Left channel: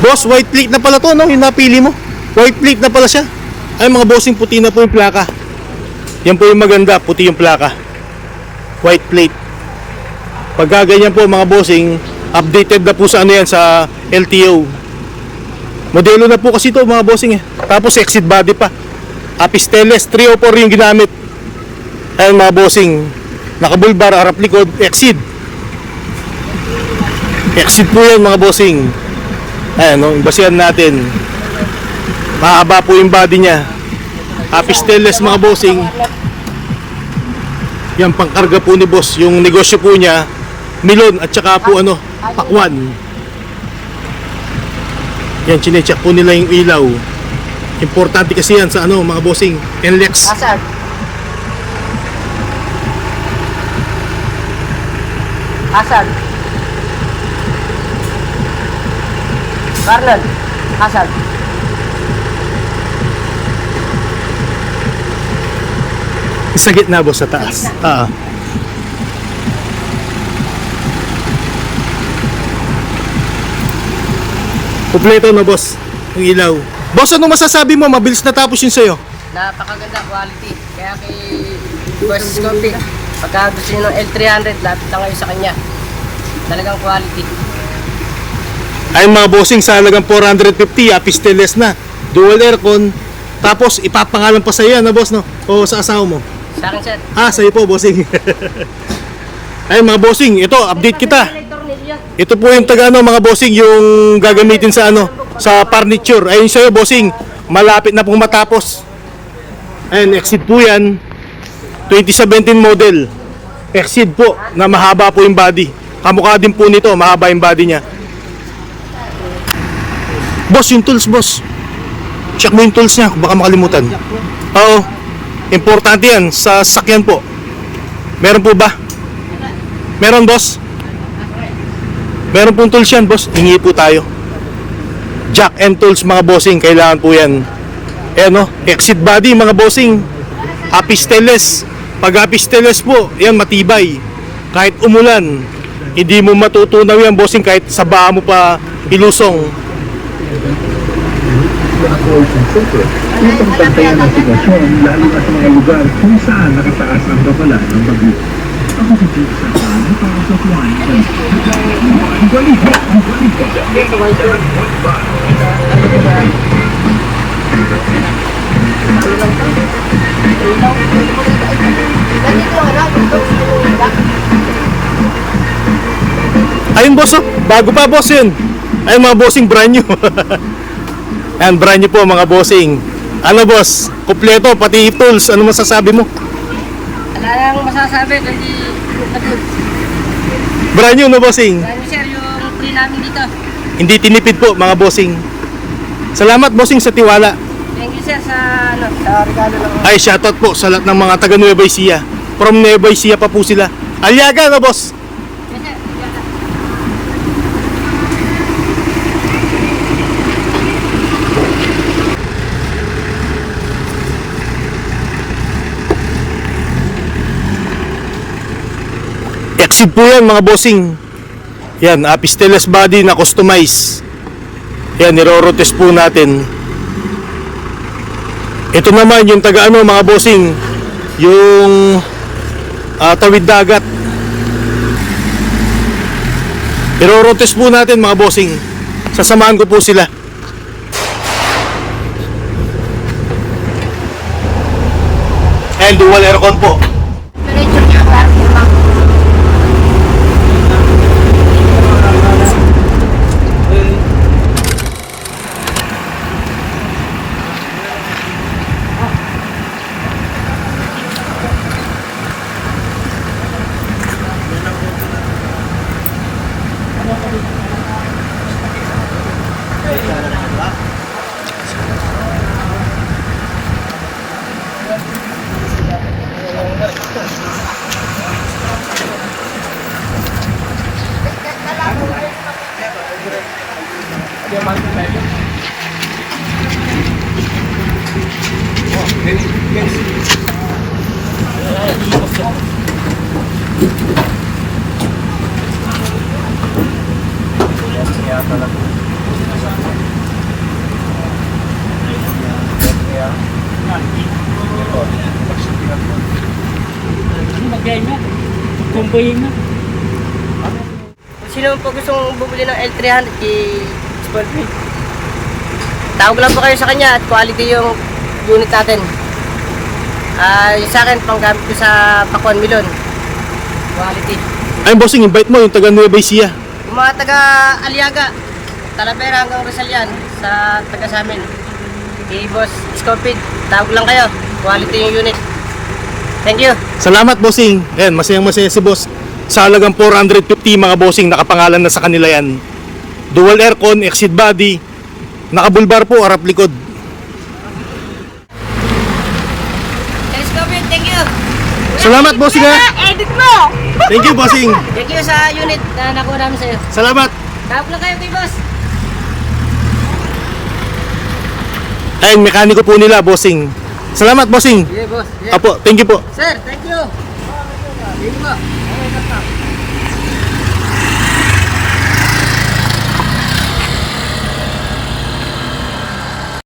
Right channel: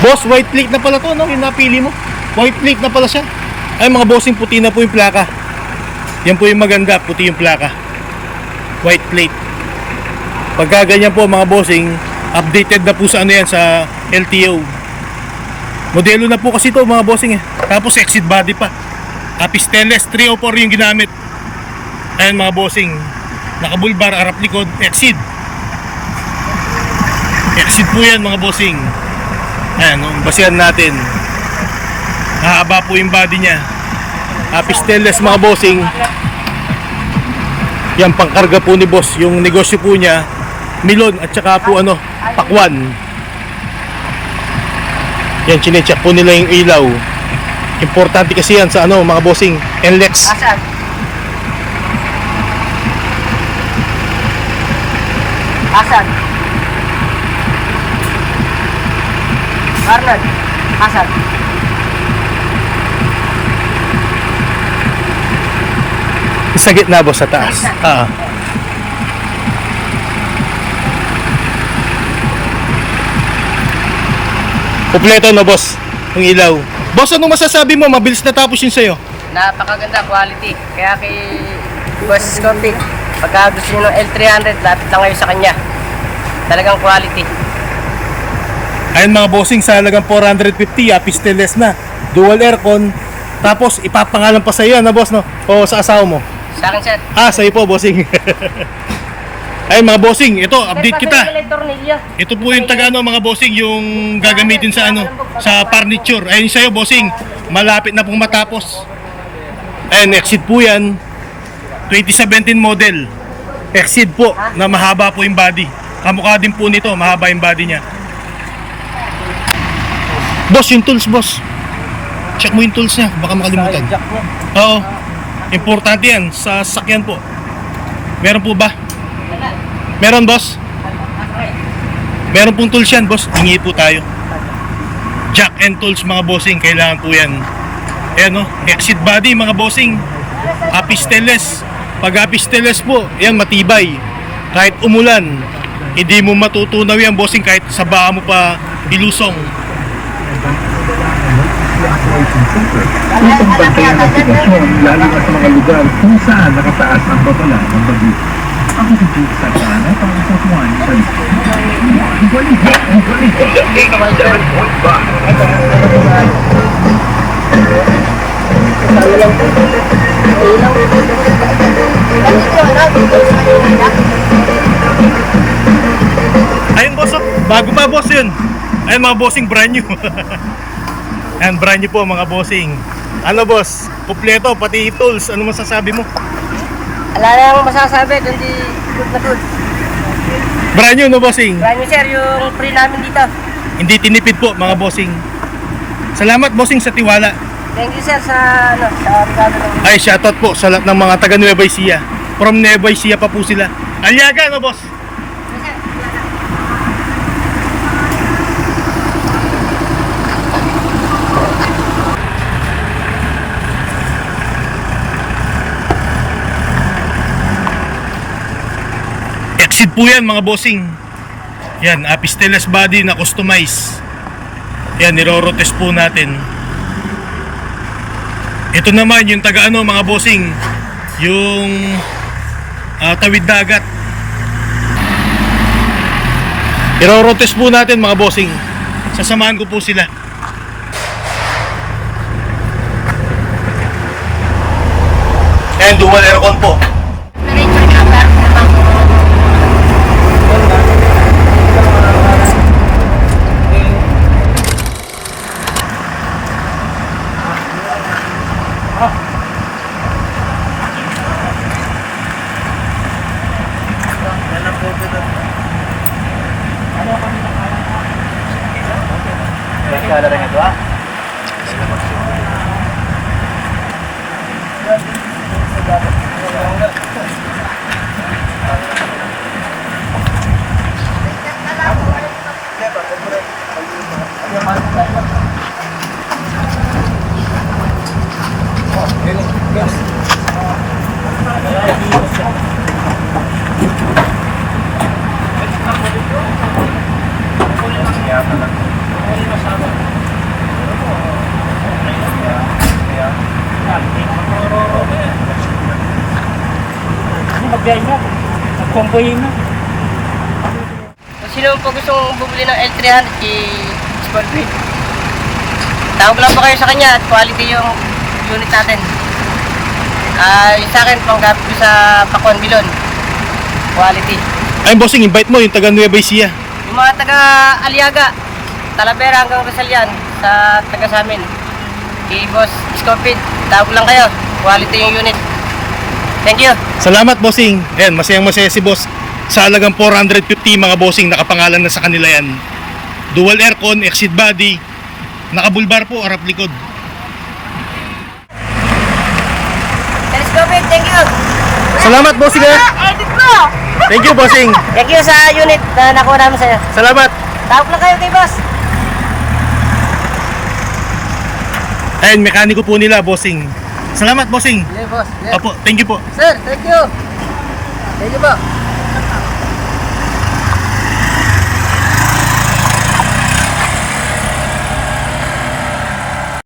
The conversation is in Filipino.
Boss, white plate na pala to, no? Yung napili mo. White plate na pala siya. Ay mga bossing, puti na po yung plaka. Yan po yung maganda, puti yung plaka. White plate. Pagka ganyan po mga bossing, updated na po sa ano yan, sa LTO. Modelo na po kasi to mga bossing eh. Tapos exit body pa. Apisteles 304 yung ginamit. Ayan mga bossing, nakabulbar, harap likod, exit. Exit po yan mga bossing. Ayan, no, basihan natin. Mahaba po yung body niya. Apisteles mga bossing. Yan, pangkarga po ni boss. Yung negosyo po niya, milon at saka po ano, pakwan. Yan, chinecheck po nila yung ilaw. Importante kasi yan sa ano mga bossing, NLEX. Asan? Marlon, asan? Sa gitna boss, sa taas. Kompleto na boss, yung ilaw. Boss, ano masasabi mo? Mabilis natapos yun sa'yo. Napakaganda quality. Kaya kay Boss Scorpic, pagka gusto nyo ng L300, lapit lang kayo sa kanya. Talagang quality. Ayun mga bossing, sa halagang 450, apisteles na, dual aircon. Tapos ipapangalan pa sa'yo na boss, no? O sa asawa mo? Sa akin, sir. Sa'yo po bossing. Ayun mga bossing, ito update kita. Ito po yung taga ano mga bossing, yung gagamitin sa ano, sa furniture. Ayun sa'yo bossing, malapit na pong matapos. Ayun, exit po yan, 2017 model. Exit po, na mahaba po yung body. Kamukha din po nito, mahaba yung body niya. Boss, yung tools boss, check mo yung tools niya, baka makalimutan. Oo, importante yan sa sakyan po. Meron po ba? Meron boss? Meron pong tools yan boss, hingi po tayo. Jack and tools mga bossing, kailangan po yan. Ayan o, exit body mga bossing. Apisteles. Pag apisteles po, yan matibay. Kahit umulan, hindi mo matutunaw yan bossing, kahit sa baa mo pa ilusong. Upang pagtayo ng sitwasyon lalo na sa mga lugar kung saan nakataas ang babalan ng bagyo. Ako si Jude Santana para sa Juan Balita. Ayun boss, oh, bago pa boss yun. Ayun mga bossing, brand new. Ayan, brand new po mga bossing. Ano boss, kompleto, pati tools, ano masasabi mo? Wala nang masasabi, kundi good na good. Brand new no bossing? Brand new, sir, yung free namin dito. Hindi tinipid po mga bossing. Salamat bossing sa tiwala. Thank you, sir, sa regalo ng... Ay, shoutout po sa lahat ng mga taga Nueva Ecija. From Nueva Ecija pa po sila. Aliaga no boss? Yes, sir. Exit po yan mga bossing. Yan, apisteles body na customize. Yan, nirorotest po natin. Ito naman yung taga ano mga bossing, yung tawid dagat. Irorotest po natin mga bossing. Sasamahan ko po sila. And dual aircon po. Kaya pala. Pagkain na. Pagkomboyin na. Kung sino po gustong bumili ng L300 kay Smallfield, tawag lang po kayo sa kanya at quality yung unit natin. Yung sa akin, panggamit ko sa Pakuan Milon. Quality. Ayun bossing, invite mo yung taga Nueva Ecija. Yung mga taga Aliaga, Talavera hanggang Rizalian, sa taga sa amin. Kay Boss Scorpid, tawag lang kayo. Quality yung unit. Thank you. Salamat bossing. Ayan, masayang masaya si boss. Sa halagang 450 mga bossing, nakapangalan na sa kanila yan. Dual aircon, exit body, nakabulbar po, harap likod. Telescopic, thank you. Salamat bossing ha. Edit mo! Thank you bossing. Thank you sa unit na nakuha namin sa'yo. Salamat. Tawag lang kayo kay Boss. Ayun, mekaniko po nila bossing. Salamat bossing. Yeah, Boss. Yeah. Apo, thank you po. Sir, thank you. Thank you po.